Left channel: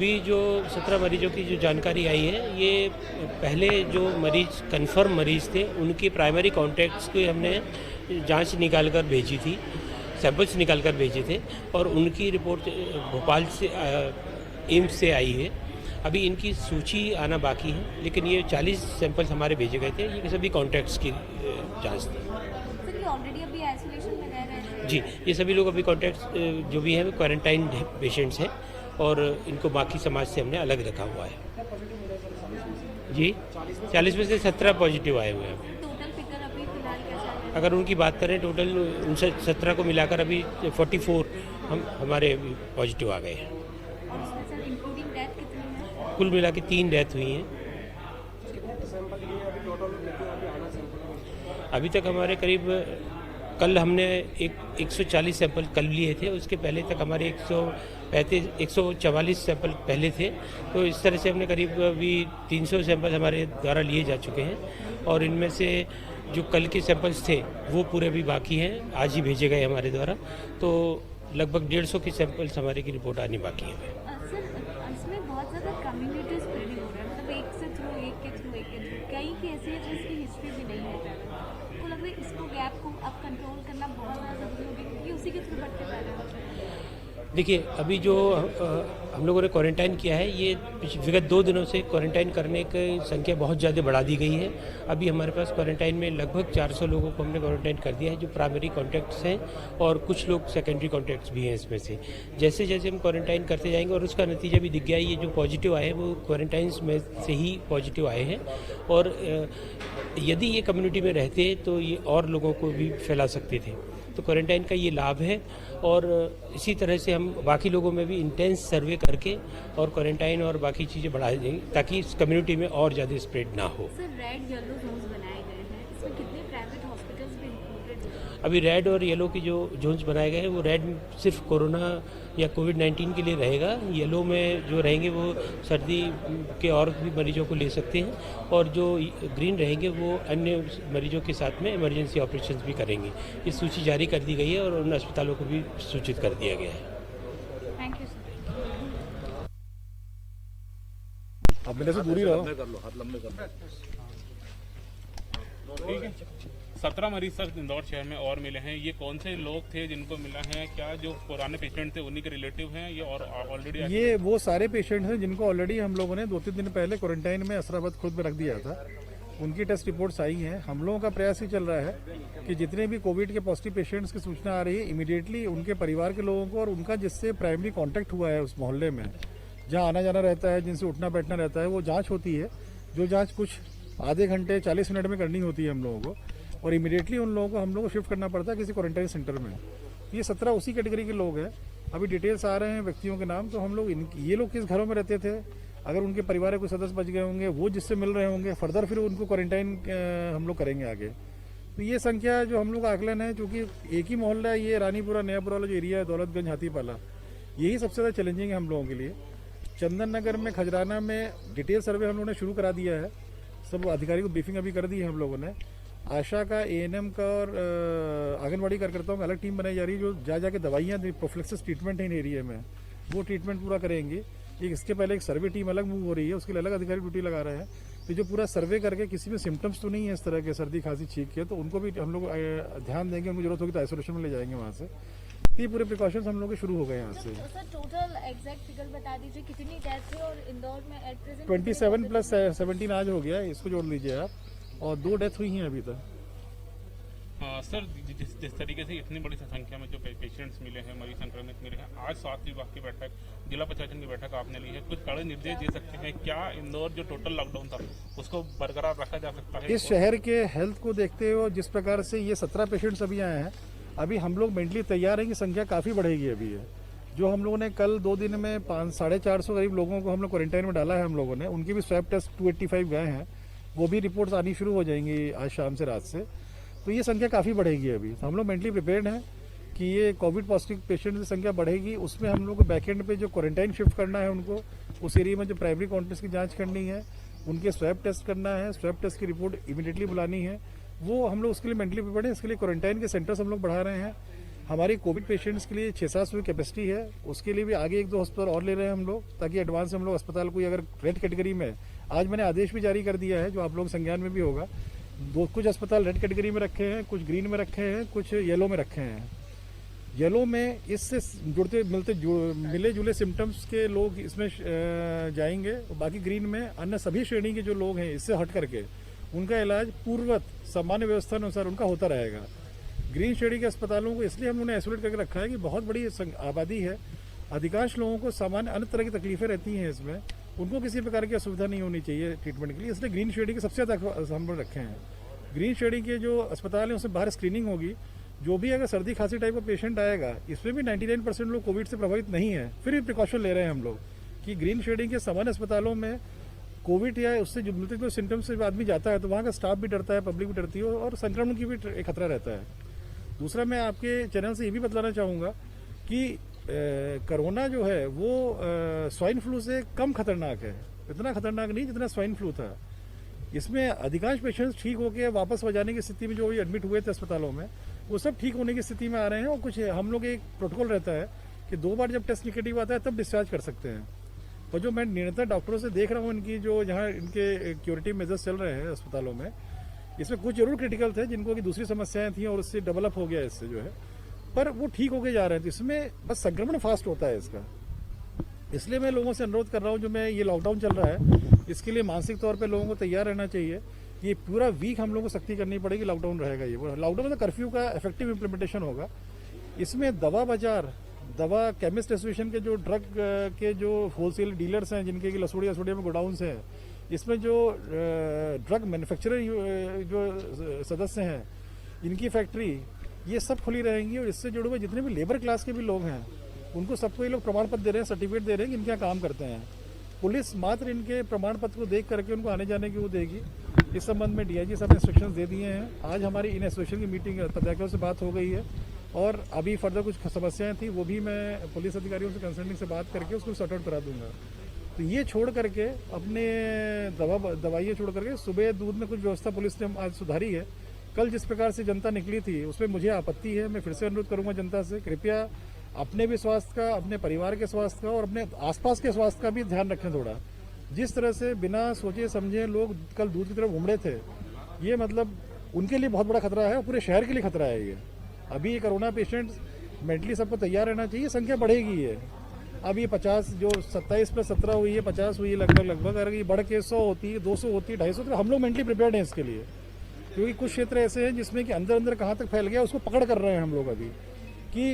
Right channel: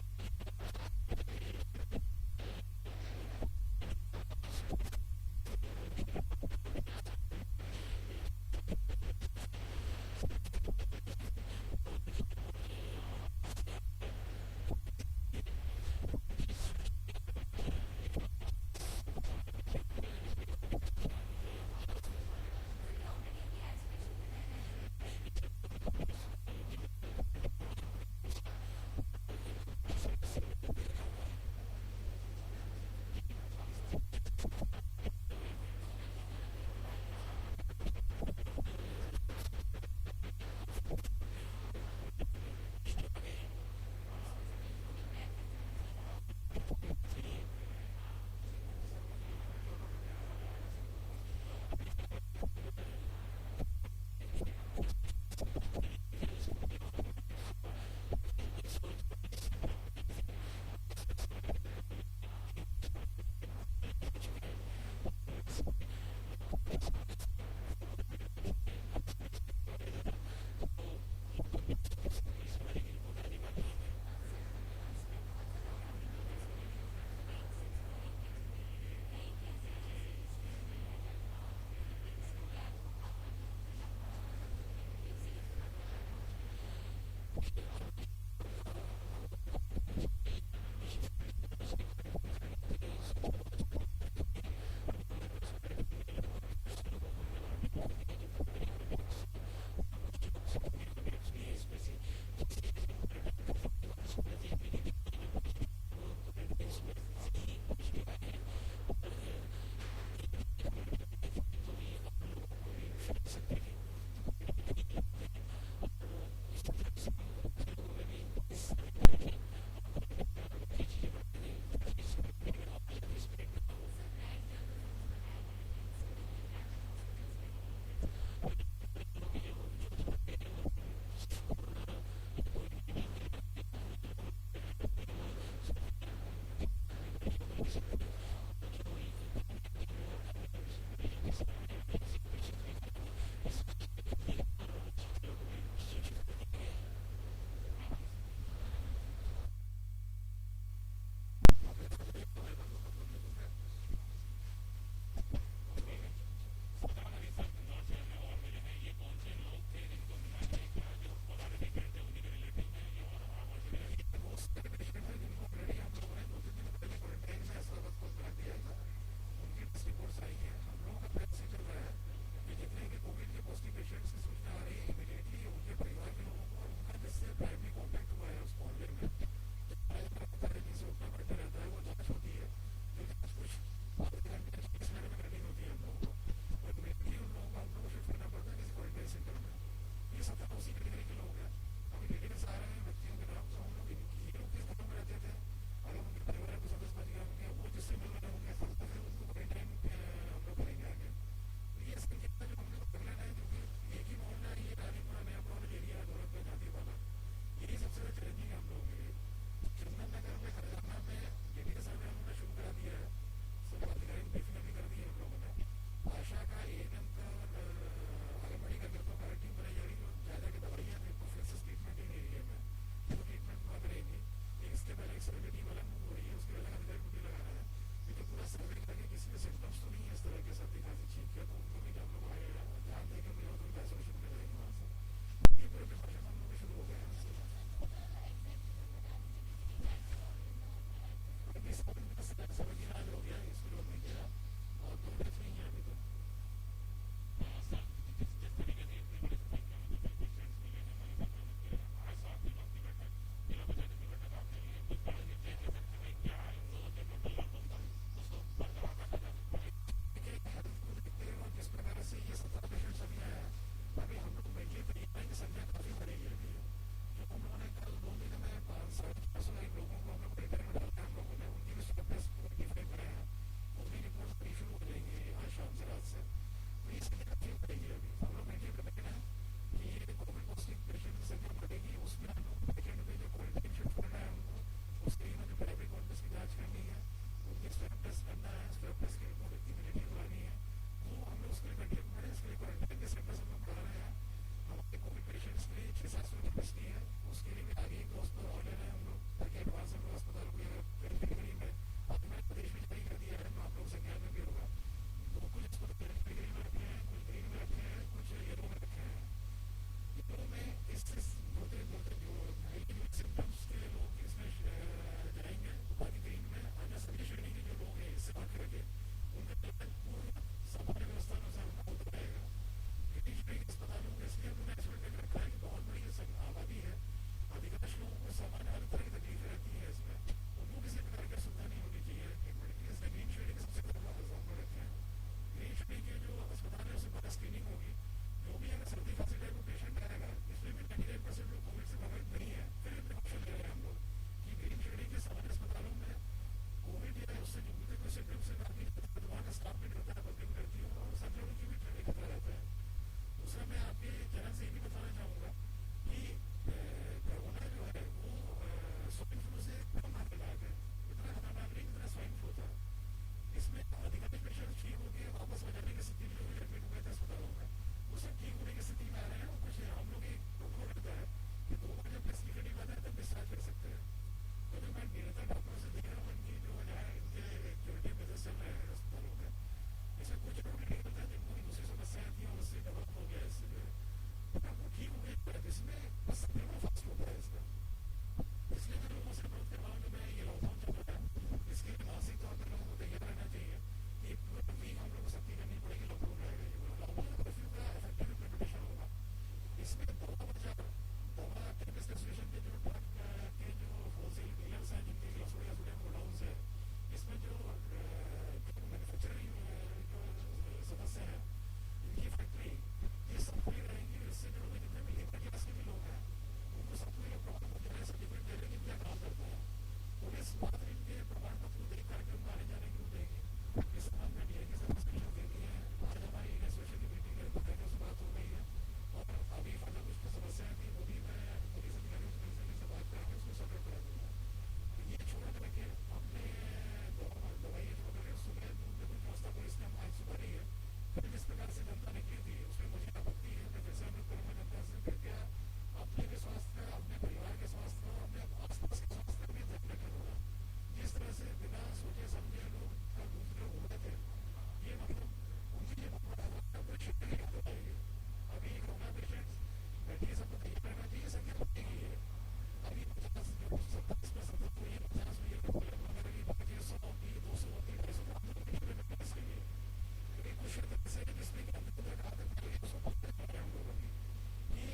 अभी जो 17 मरीजों की जो जानकारी आई है, ये पहले जो मरीज कंफर्म मरीज थे उनके प्राइमरी कॉन्टैक्ट्स को हमने जांच निकाल कर भेजी थी, सैंपल्स निकाल कर भेजे थे और उनकी रिपोर्ट भोपाल से एम्स से आई है। अभी इनकी सूची आना बाकी है, लेकिन ये 40 सैंपल्स हमारे भेजे गए थे, ये सभी कॉन्टैक्ट्स की जांच थी। सर ये ऑलरेडी अभी आइसोलेशन में रह रहे हैं? जी, ये सभी लोग अभी कॉन्टैक्ट्स जो भी हैं क्वारंटाइन पेशेंट्स हैं और इनको बाकी समाज से हमने अलग रखा हुआ है। जी, 40 में से 17 पॉजिटिव आए हुए हैं। टोटल फिगर अभी फिलहाल कैसा है? अगर उनकी बात करें टोटल उनसे 17 को मिलाकर अभी 44 हमारे पॉजिटिव आ गए हैं। और इसमें सर इंक्लूडिंग डेथ कितनी है? कुल मिला के 3 डेथ हुई हैं। अभी तक हमारे करीब कल हमने 140 सैंपल कल लिए थे, उसके पहले तक हमारे 144 सैंपल पहले थे। तो इस तरह से हमने करीब अभी 300 सैंपल हमारे द्वारा लिए जा चुके हैं और इनमें से जो कल के सैंपल्स थे वो पूरे भी बाकी हैं, आज ही भेजे गए हमारे द्वारा। तो लगभग 150 की सैंपल्स हमारे की रिपोर्ट आनी बाकी है। सर इसमें बहुत ज़्यादा कम्युनिटी स्प्रेडिंग हो रहा है, मतलब एक से थ्रू एक के थ्रू एक के थ्रू कई केसेस है जिसकी हिस्ट्री भी नहीं है। तो लग रहा है इसको गैप को अब कंट्रोल करना बहुत ज़्यादा ज़रूरी होगी क्योंकि उसी के थ्रू बढ़ते जा रहे हैं। देखिए, अभी जो हम लोगों ने क्वारंटाइन किया है, ये विगत 2 दिनों से क्वारंटाइन करने की संख्या बहुत ज़्यादा बढ़ा दी गई है। अभी हमारे पास क्वारंटाइन में लगभग 400 लोगों को हमने क्वारंटाइन कर दिया है, जो प्राइमरी कॉन्टैक्ट्स हैं और कुछ लोग सेकेंडरी कॉन्टैक्ट्स भी हैं इसमें से। जैसे जैसे हम क्वारंटाइन करते जाएंगे और उसका नतीजा भी दिख गया है, ये जो पॉजिटिव आए हैं वो क्वारंटाइन में से ही पॉजिटिव आए हैं और यदि ये कम्युनिटी में रहते तो ये और लोगों को भी फैला सकते थे। तो क्वारंटाइन का ये लाभ है और इसी तरह से हम बाकी लोगों में भी इंटेंस सर्वे करके और क्वारंटाइन और बाकी चीज़ें बढ़ा देंगे ताकि इस कम्युनिटी में और ज़्यादा स्प्रेड ना हो। सर रेड येलो जोन्स बनाए गए हैं, इसमें कितने प्राइवेट हॉस्पिटल्स भी इंक्लूडेड हैं? अभी रेड और येलो की जो जोन्स बनाए गए हैं वो रेड सिर्फ कोरोना या कोविड-19 के लिए रहेगा। येलो में जो रहेंगे वो सर्दी के और भी मरीजों को ले सकते हैं और जो ग्रीन रहेंगे वो अन्य मरीजों के साथ में इमरजेंसी ऑपरेशंस भी करेंगे। ये सूची जारी कर दी गई है और उन अस्पतालों को भी सूचित कर दिया गया है। Thank you sir. आप मेरे से दूरी रहो। ठीक है। 17 मरीज सर इंदौर शहर में और मिले हैं। ये कौन से लोग थे जिनको मिला है? क्या जो पुराने पेशेंट थे उन्हीं के रिलेटिव हैं ये और ऑलरेडी? ये वो सारे पेशेंट्स हैं जिनको ऑलरेडी हम लोगों ने 2-3 दिन पहले क्वारंटाइन में असराबाद खुद में रख दिया था। उनकी टेस्ट रिपोर्ट्स आई हैं। हम लोगों का प्रयास ही चल रहा है कि जितने भी कोविड के पॉजिटिव पेशेंट्स की सूचना आ रही है इमीडिएटली उनके परिवार के लोगों को और उनका जिससे प्राइमरी कॉन्टैक्ट हुआ है उस मोहल्ले में जहाँ आना जाना रहता है, जिनसे उठना बैठना रहता है, वो जाँच होती है। जो जाँच कुछ आधे घंटे 40 मिनट में करनी होती है हम लोगों को और इमीडिएटली उन लोगों को हम लोग को शिफ्ट करना पड़ता है किसी क्वारंटाइन सेंटर में। ये 17 उसी कैटेगरी के लोग हैं। अभी डिटेल्स आ रहे हैं व्यक्तियों के नाम, तो हम लोग ये लोग किस घरों में रहते थे, अगर उनके परिवार के कोई सदस्य बच गए होंगे वो जिससे मिल रहे होंगे, फर्दर फिर उनको क्वारंटाइन हम लोग करेंगे आगे। तो ये संख्या जो हम लोग का आकलन है, चूँकि एक ही मोहल्ला है, ये रानीपुरा नयापुरा वाला जो एरिया है, दौलतगंज हाथीपाला, यही सबसे ज़्यादा चैलेंजिंग है हम लोगों के लिए। चंदन नगर में, खजराना में डिटेल सर्वे हम लोगों ने शुरू करा दिया है। सब अधिकारी को ब्रीफिंग अभी कर दी है हम लोगों ने। आशा का, एएनएम का और आंगनबाड़ी कार्यकर्ताओं की अलग टीम बनाई जा रही है जो जाके दवाइयाँ प्रोफिलैक्सिस ट्रीटमेंट है इन एरिया में, वो ट्रीटमेंट पूरा करेंगे। इसके पहले एक सर्वे टीम अलग मूव हो रही है, उसके लिए अलग अधिकारी ड्यूटी लगा रहे हैं। तो जो पूरा सर्वे करके किसी में सिम्टम्स तो नहीं है इस तरह के सर्दी खांसी छींक के, तो उनको भी हम लोग ध्यान देंगे, उनको जरूरत होगी तो आइसोलेशन में ले जाएंगे वहाँ से। ये पूरे प्रिकॉशंस हम लोग के शुरू हो गए यहाँ से। सर टोटल एग्जैक्ट फिगर बता दीजिए कितनी डेथ है और इंदौर में एट प्रेजेंट 27 + 17 आज हो गया, इसको जोड़ लीजिए आप, और 2 डेथ हुई हैं अभी तक। सर जिस तरीके से इतनी बड़ी संख्या में जो पेशेंट्स मिले हैं, मरीज संक्रमित मिले हैं, आज स्वास्थ्य विभाग की बैठक, जिला प्रशासन की बैठक आपने ली है, कुछ कड़े निर्देश दे सकते हैं क्या? इंदौर जो टोटल लॉकडाउन था उसको बरकरार रखा जा सकता है? इस शहर के हेल्थ को देखते हुए जिस प्रकार से ये 17 पेशेंट्स अभी आए हैं, अभी हम लोग मेंटली तैयार हैं कि संख्या काफ़ी बढ़ेगी अभी है। जो हम लोगों ने कल 2 दिन में 450 करीब लोगों को हम लोग क्वारंटाइन में डाला है हम लोगों ने, उनकी भी स्वैब टेस्ट 285 गए हैं, वो भी रिपोर्ट्स आनी शुरू हो जाएंगी आज शाम से, रात से। तो ये संख्या काफ़ी बढ़ेगी अभी। तो हम लोग मेंटली प्रिपेयर्ड हैं कि ये कोविड पॉजिटिव पेशेंट की संख्या बढ़ेगी। उसमें हम लोग को बैकएंड पे जो क्वारंटाइन शिफ्ट करना है उनको, उस एरिया में जो प्राइमरी कॉन्टेक्ट की जांच करनी है, उनके स्वैब टेस्ट करना है, स्वैब टेस्ट की रिपोर्ट इमीडिएटली बुलानी है, वो हम लोग उसके लिए मेंटली प्रिपेयर्ड हैं। इसके लिए क्वारंटाइन के सेंटर्स हम लोग बढ़ा रहे हैं। हमारी कोविड पेशेंट्स के लिए 600 कैपेसिटी है, उसके लिए भी आगे 1-2 अस्पताल और ले रहे हैं हम लोग, ताकि एडवांस हम लोग अस्पताल कोई अगर रेड कैटेगरी में, आज मैंने आदेश भी जारी कर दिया है जो आप लोग संज्ञान में भी होगा, कुछ अस्पताल रेड कैटेगरी में रखे हैं, कुछ ग्रीन में रखे हैं, कुछ येलो में रखे हैं। येलो में इससे मिले जुले सिम्टम्स के लोग इसमें जाएंगे, और बाकी ग्रीन में अन्य सभी श्रेणी के जो लोग हैं इससे हट करके उनका इलाज पूर्ववत सामान्य व्यवस्था अनुसार उनका होता रहेगा। ग्रीन श्रेणी के अस्पतालों को इसलिए हम लोगों ने आइसोलेट करके रखा है कि बहुत बड़ी आबादी है, अधिकांश लोगों को सामान्य अन्य तरह की तकलीफें रहती हैं, इसमें उनको किसी प्रकार की असुविधा नहीं होनी चाहिए ट्रीटमेंट के लिए, इसलिए ग्रीन श्रेणी के सबसे ज़्यादा हम लोग रखे हैं। ग्रीन श्रेणी के जो अस्पताल हैं उसमें बाहर स्क्रीनिंग होगी, जो भी अगर सर्दी खांसी टाइप का पेशेंट आएगा, इसमें भी 99% लोग कोविड से प्रभावित नहीं है, फिर भी प्रिकॉशन ले रहे हैं हम लोग कि ग्रीन श्रेणी के सामान्य अस्पतालों में कोविड या उससे जो मिलते कोई सिम्टम्स से आदमी जाता है तो वहाँ का स्टाफ भी डरता है, पब्लिक भी डरती है, और संक्रमण की भी एक खतरा रहता है। दूसरा, मैं आपके चैनल से ये भी बतलाना चाहूँगा कि कोरोना जो है वो स्वाइन फ्लू से कम खतरनाक है, इतना खतरनाक नहीं जितना स्वाइन फ्लू था। इसमें अधिकांश पेशेंट्स ठीक होकर वापस हो जाने की स्थिति में जो एडमिट हुए थे अस्पतालों में, वो सब ठीक होने की स्थिति में आ रहे हैं, और कुछ हम लोग एक प्रोटोकॉल रहता है कि 2 बार जब टेस्ट निगेटिव आता है तब डिस्चार्ज कर सकते हैं। और जो मैं निरंतर डॉक्टरों से देख रहा हूँ, इनकी जो जहाँ इनके क्यूरेटिव मेजर्स चल रहे हैं अस्पतालों में, इसमें कुछ जरूर क्रिटिकल थे जिनको की दूसरी समस्याएं थी और उससे डेवलप हो गया इससे जो है, पर वो ठीक होके जा रहे हैं। तो इसमें बस संक्रमण फास्ट होता है इसका, इसलिए मैं लोगों से अनुरोध कर रहा हूँ, जो मैं ये लॉकडाउन चल रहा है इसके लिए मानसिक तौर पे लोगों को तैयार रहना चाहिए। ये पूरा वीक हम लोगों को सख्ती करनी पड़ेगी, लॉकडाउन रहेगा ये, लॉकडाउन में तो कर्फ्यू का इफेक्टिव इम्प्लीमेंटेशन होगा। इसमें दवा बाजार, दवा केमिस्ट एसोसिएशन के जो ड्रग के जो होलसेल डीलर्स हैं, जिनके लसोड़िया में गोडाउन्स हैं, इसमें जो ड्रग मैन्युफैक्चरर जो सदस्य हैं, इनकी फैक्ट्री, ये सब खुली रहेंगी, और इससे जुड़े हुए जितने भी लेबर क्लास के भी लोग हैं उनको सबको ये लोग प्रमाण पत्र दे रहे हैं, सर्टिफिकेट दे रहे हैं कि इनके यहाँ काम करते हैं। पुलिस मात्र इनके प्रमाण पत्र को देख करके उनको आने जाने की वो देगी। इस संबंध में डीआईजी साहब ने इंस्ट्रक्शंस दे दिए हैं। आज हमारी इन एसोसिएशन की मीटिंग पदाधिकारियों से बात हो गई है, और अभी फर्दर कुछ समस्याएं थी वो भी मैं पुलिस अधिकारियों से कंसल्टिंग से बात करके उसको सॉर्ट आउट करा दूंगा। तो ये छोड़ करके अपने दवाइयाँ छोड़ करके सुबह दूध में कुछ व्यवस्था पुलिस ने आज सुधारी है। कल जिस प्रकार से जनता निकली थी उसमें मुझे आपत्ति है। मैं फिर से अनुरोध करूंगा जनता से, कृपया अपने भी स्वास्थ्य का, अपने परिवार के स्वास्थ्य का और अपने आसपास के स्वास्थ्य का भी ध्यान रखें थोड़ा। जिस तरह से बिना सोचे समझे लोग कल दूध की तरफ घूम रहे थे, ये मतलब उनके लिए बहुत बड़ा खतरा है और पूरे शहर के लिए खतरा है ये। अभी ये कोरोना पेशेंट्स मेंटली सबको तैयार रहना चाहिए, संख्या बढ़ेगी ये। अब ये 50 जो 27 + 17 हुई है, 50 हुई है लगभग, अगर ये बढ़ के 100 होती है, 200 होती है, 250, तो हम लोग मेंटली प्रिपेयर्ड हैं इसके लिए। क्योंकि कुछ क्षेत्र ऐसे हैं जिसमें कि अंदर अंदर कहाँ तक फैल गया उसको पकड़ कर रहे हैं हम लोग अभी, कि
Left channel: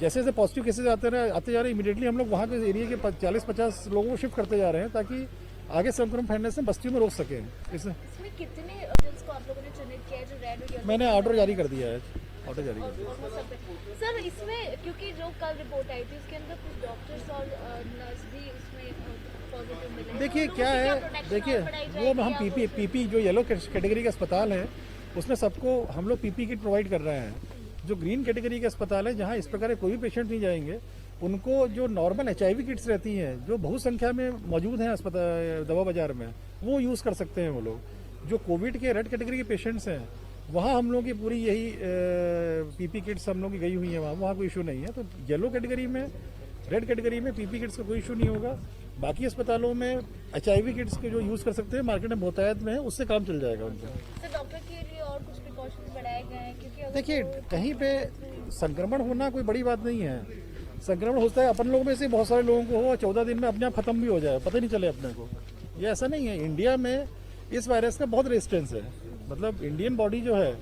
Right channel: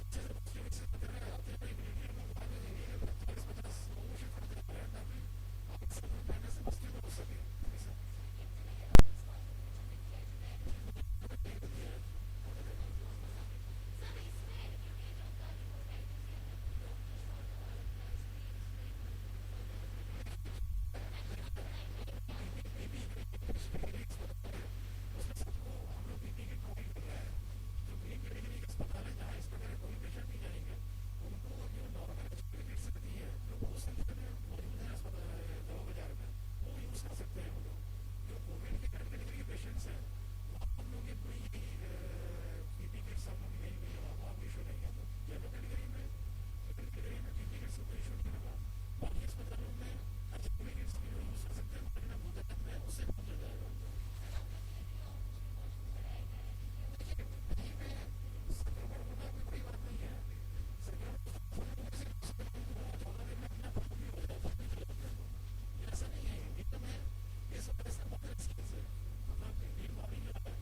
जैसे जैसे पॉजिटिव केसेज आते जा रहे हैं, इमीडिएटली हम लोग वहाँ के एरिया के 40-50 लोगों को शिफ्ट करते जा रहे हैं, ताकि आगे संक्रमण फैलने से बस्तियों में रोक सकें। इसमें कितने हॉटल्स को आप लोगों ने चिन्हित किया है जो रेड और येलो? मैंने ऑर्डर जारी कर दिया है, ऑर्डर जारी कर दिया सर। इसमें क्योंकि जो कल रिपोर्ट आई थी उसके अंदर कुछ डॉक्टर्स और नर्स भी इसमें पॉजिटिव मिले। देखिए क्या है, देखिए वो हम पीपी जो येलो कैटेगरी का अस्पताल है उसमें सबको हम लोग पीपी किट प्रोवाइड कर रहे हैं। जो ग्रीन कैटेगरी के अस्पताल है जहाँ इस प्रकार के कोई भी पेशेंट नहीं जाएंगे, उनको जो नॉर्मल HIV किट्स रहती हैं जो बहुत संख्या में मौजूद हैं अस्पताल दवा बाजार में, वो यूज़ कर सकते हैं वो लोग। जो कोविड के रेड कैटेगरी के पेशेंट्स हैं वहाँ हम लोग की पूरी यही पीपी किट्स हम लोग की गई हुई हैं, वहाँ कोई इशू नहीं है। तो येलो कैटेगरी में, रेड कैटेगरी में पीपी किट्स का कोई इशू नहीं होगा। बाकी अस्पतालों में HIV किट्स के जो यूज़ कर सकते हैं, मार्केट में बहुतायत में है, उससे काम चल जाएगा उनका। सर डॉक्टर के लिए और कुछ प्रिकॉशंस बढ़ाए गए हैं? क्योंकि देखिए कहीं पे संक्रमण होना कोई बड़ी बात नहीं है। संक्रमण होता है अपन लोगों में से बहुत सारे लोगों को हो, 14 दिन में अपने आप खत्म भी हो जाए, पता नहीं चले अपने को। ये ऐसा नहीं है। इंडिया में इस वायरस का बहुत रेजिस्टेंस है, मतलब इंडियन बॉडी जो है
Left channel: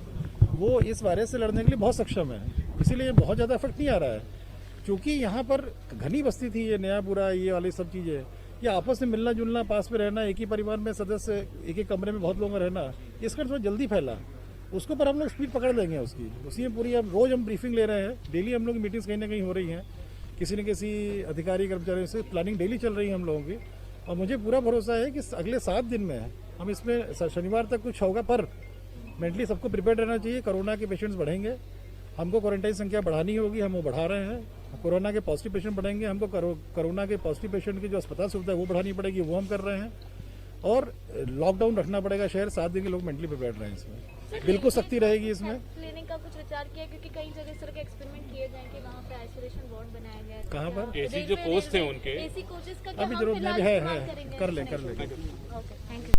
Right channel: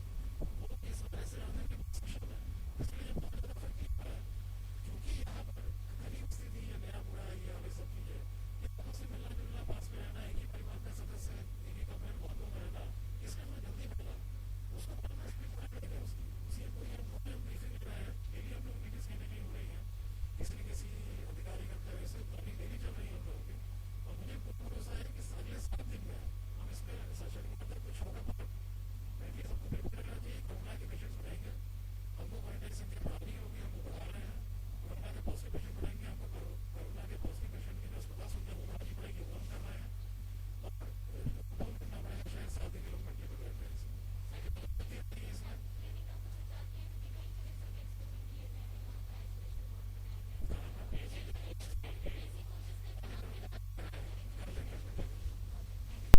वो इस वायरस से लड़ने के लिए बहुत सक्षम है, इसीलिए बहुत ज़्यादा इफेक्ट नहीं आ रहा है। क्योंकि यहाँ पर घनी बस्ती थी, ये नयापुरा, ये वाली सब चीज़ें, ये आपस में मिलना जुलना, पास में रहना, एक ही परिवार में सदस्य एक कमरे में बहुत लोगों का रहना, इसका थोड़ा जल्दी फैला। उसको पर हम लोग स्पीड पकड़ लेंगे उसकी, उसी में पूरी अब रोज़ हम ब्रीफिंग ले रहे हैं, डेली हम लोग की मीटिंग्स कहीं ना कहीं हो रही हैं, किसी न किसी अधिकारी कर्मचारियों से प्लानिंग डेली चल रही है हम लोगों की। और मुझे पूरा भरोसा है कि अगले 7 दिन में हम इसमें शनिवार तक कुछ होगा, पर मेंटली सबको प्रिपेयर रहना चाहिए। कोरोना के पेशेंट्स बढ़ेंगे, हमको क्वारंटाइन संख्या बढ़ानी होगी, हम वो बढ़ा रहे हैं। कोरोना के पॉजिटिव पेशेंट बढ़ेंगे, हमको कोरोना के पॉजिटिव पेशेंट की जो अस्पताल सुविधा है वो बढ़ानी पड़ेगी, वो हम कर रहे हैं। और लॉकडाउन रखना पड़ेगा शहर, 7 दिन के लोग मेंटली प्रिपेयर रहें। इसमें बिल्कुल सख्ती रहेगी इसमें। क्लिनिक का कुछ विचार किया, क्योंकि कई जगह इस तरह के एक्सपेरिमेंट किए जाएं कि वहाँ पे आइसोलेशन वार्ड बनाया गया है। कहाँ पर? एसी जो कोच थे उनके एसी कोचेस का अभी क्या हम जरूरत फिलहाल नहीं है इस्तेमाल करेंगे? कर लें ओके।